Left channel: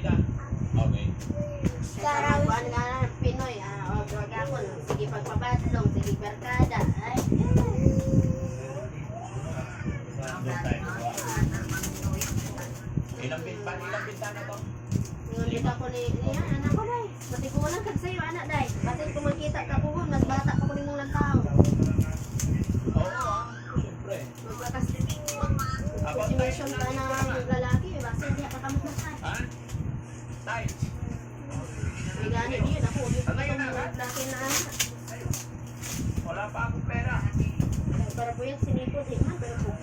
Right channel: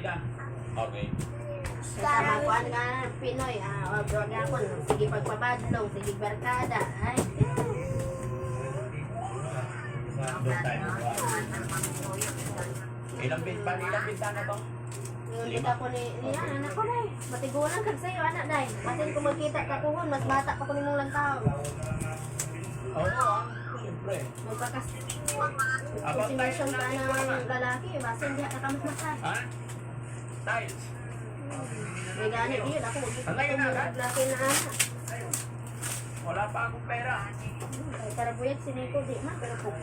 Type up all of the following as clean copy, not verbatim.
nila. Okay. Karang buwan nga Pinoy, wag ako, sige pagpabadlong, sige barkada. Ay, Doon tayo magawa. Ilang bintana to? yung kita ko ni, yan, anak ko day. Matigulan ka sa'yo, anak day. Batin ko magkita ka kuhon, mas bata pa ko ni mong lantaw. Oo, siyempre. Magpakas, About time consideration na ka natin ko na naman. lalaki, basta hindi ka kamas-masas. Ha? Tiles. May gani yun, ako, huwag Ang ngayon itong na, laki na anak. Wala pa akong pera. Ay, para po yan, siniko di man, pero kung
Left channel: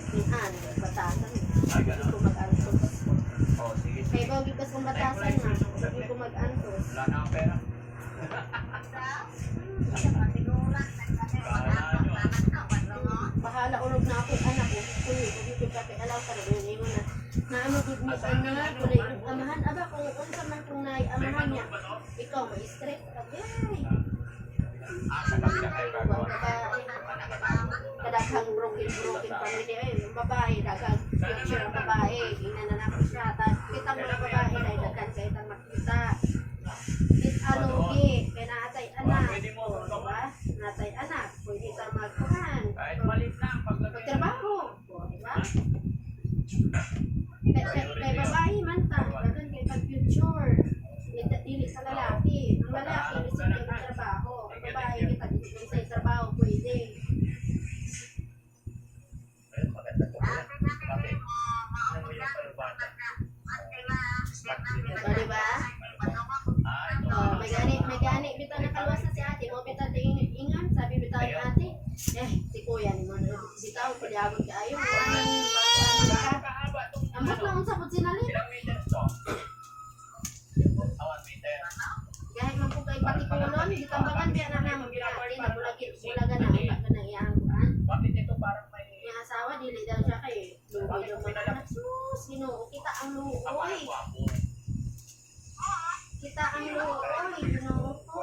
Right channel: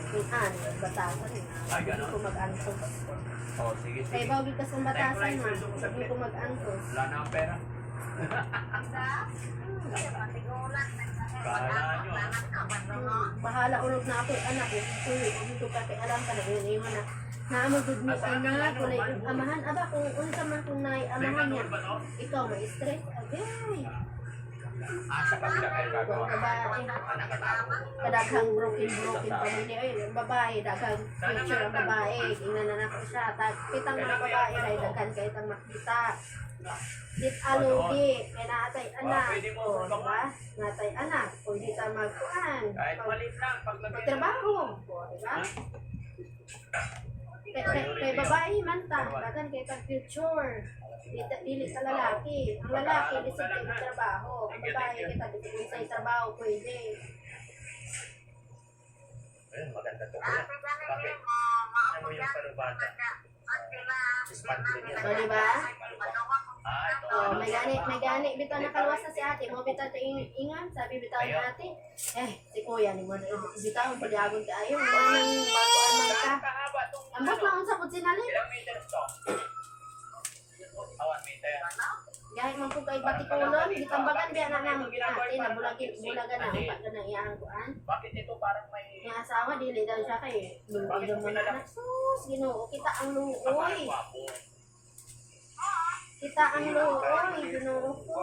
batasan. Ay, gano'n? Hindi ko mag-antos. Oh, sige, Kaya sige. bawag kas kung batasan man, hindi ko mag-antos. Wala na akong pera. Kala nyo ah. Bahala ulog na ako, anak ko. Uy, dito ka kay alam ka na yun, iwan na. Naamagod mo anak, kulay yung amahan. Aba, kung unsa man kung May amahan niya, manual ba to? ikaw may stress. Agay. Sa kabila kayo gagawa. Babae. Anak at ako. Kadaghang broken family. Ay, yung babae, daghang future ang babae. Tingnan na natin siya. Kitang mga babae, dahil daghan kayo itang makita. Dit alugi, kaya naatay anak. Pwede mo O, diba? Natay anak, pwede ta magkuhan. Kahit maliit lang, paglagay na. Pagtrabaho. O, diba? Kay babae man ta, daghan kayo itang future. Dili sa lalaki. Ang lalaki, lisip kayo trabaho. Ang babae, kita dito sa trabaho, pwede. Ayun, maganda to. Bakit? Ano mo yung panubata? Smart din yan. O, diba? Ah, ito. Oh, may gani bitaw na kalwasa si ate mo bitaw ta ingan sabi bitaw ni ate si kuya ni mo bitaw pagyagon kaayo manang magkuan man ka Kahaba itong ambot lang sa pud sinali ilang meters to? 1 meter. gahi man po kay patikulon gitambagan biya na nang ate na bulagan na pa na iyang kuan Bakit ito parang may yung asawa dili daw siya kay lugoy daw man anak sus Ginoo kita ang luoy parang gwapo? kita ang luoy Ginoo ko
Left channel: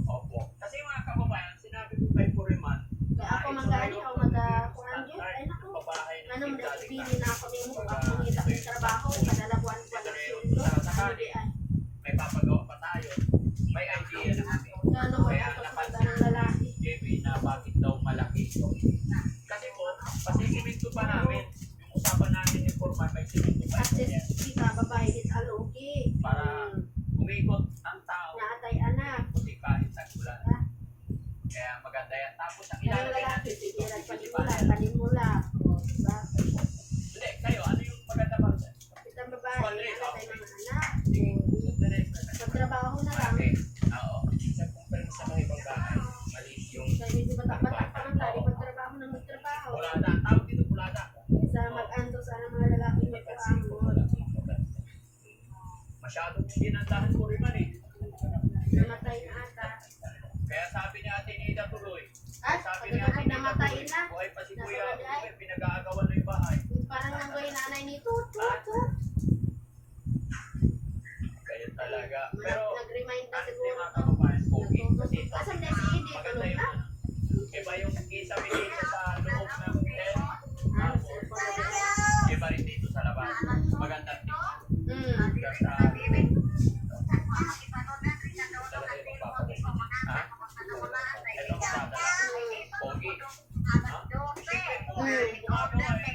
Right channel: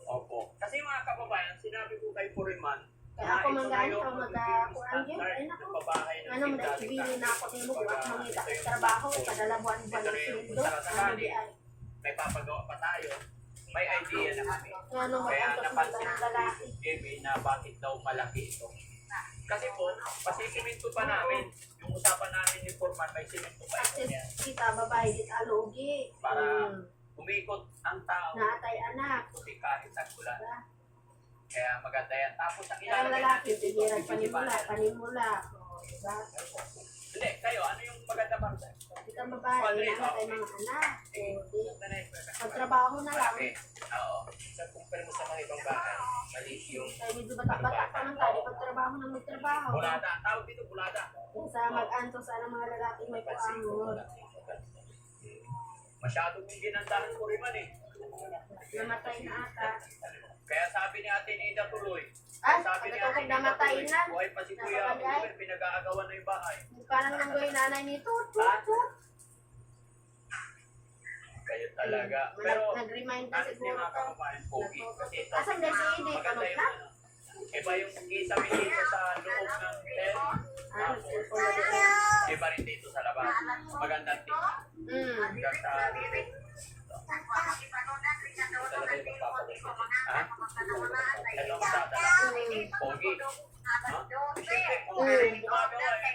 Opo. Kasi mga kababayan, sinabi ko kay Puriman, kaya ako manggani o magkuan gyud ay nako ano mo dahil ibili na ako nimo kung ako mangita ko trabaho, padala buwan-buwan ng sweldo. May papagawa pa tayo. May idea na kami. Ano mo Kaya ako sa napansin ng lalaki. ni JB na bakit daw malaki ito. Kasi po, pasisimento pa namin. Yung usapan namin ni Foreman, may simento pa ito Access niya. kita, babae dit alugi. Para umikot ang tao. Naatay anak. Kasi kahit tagulan. Kaya maganda yan. Tapos ang Kaya ilalagay lalaki, natin dito, sige, PVC panimula, panel. panimula. O, diba? Hindi, kayo, ano yung maganda para sa'yo? Kita babae, anak tayo mga anak. O, di. Ganda na yung Magtrabaho na lang. malaki. Oo. Sa compare mo sa mga ibang bahay, maliit yung Kaya medyo bata-bata pa man tayo, magtrabaho na magtrabaho. bulada. Ang tawag dito, bulada. Sa mag-anto sana mga lalaki may kuangon. Masyadong ginandahan ko rin man eh. Namatay na ata. Kaya sabi ni Ate Nida tuloy. Ah, Sabi ni pagkatapos Ate Nida namatay tuloy, na. buhay pa si Nasa Kuya, bagay. uwi, pinag-aagawan na yung bahay. Parang nanggoy nanay ni tut, tut, tut. Kayo talaga. Pero, Nag-remind na honestly siguro mga to. kababayan, pogi. Kasi ito, Asan na si Edith? maganda Tulog yung na? ano. Iba yung kisame dito sa loob ng tent. Ah, Tapos, cellphone na din. iba rin dito sa labas. Magandang tingnan. Hmm. Hanggang sa loob. Talaga yung magpapalit. Ha? Ito ang dadala. Pogi. Ha? Siyempre, pogi rin gumagawa eh.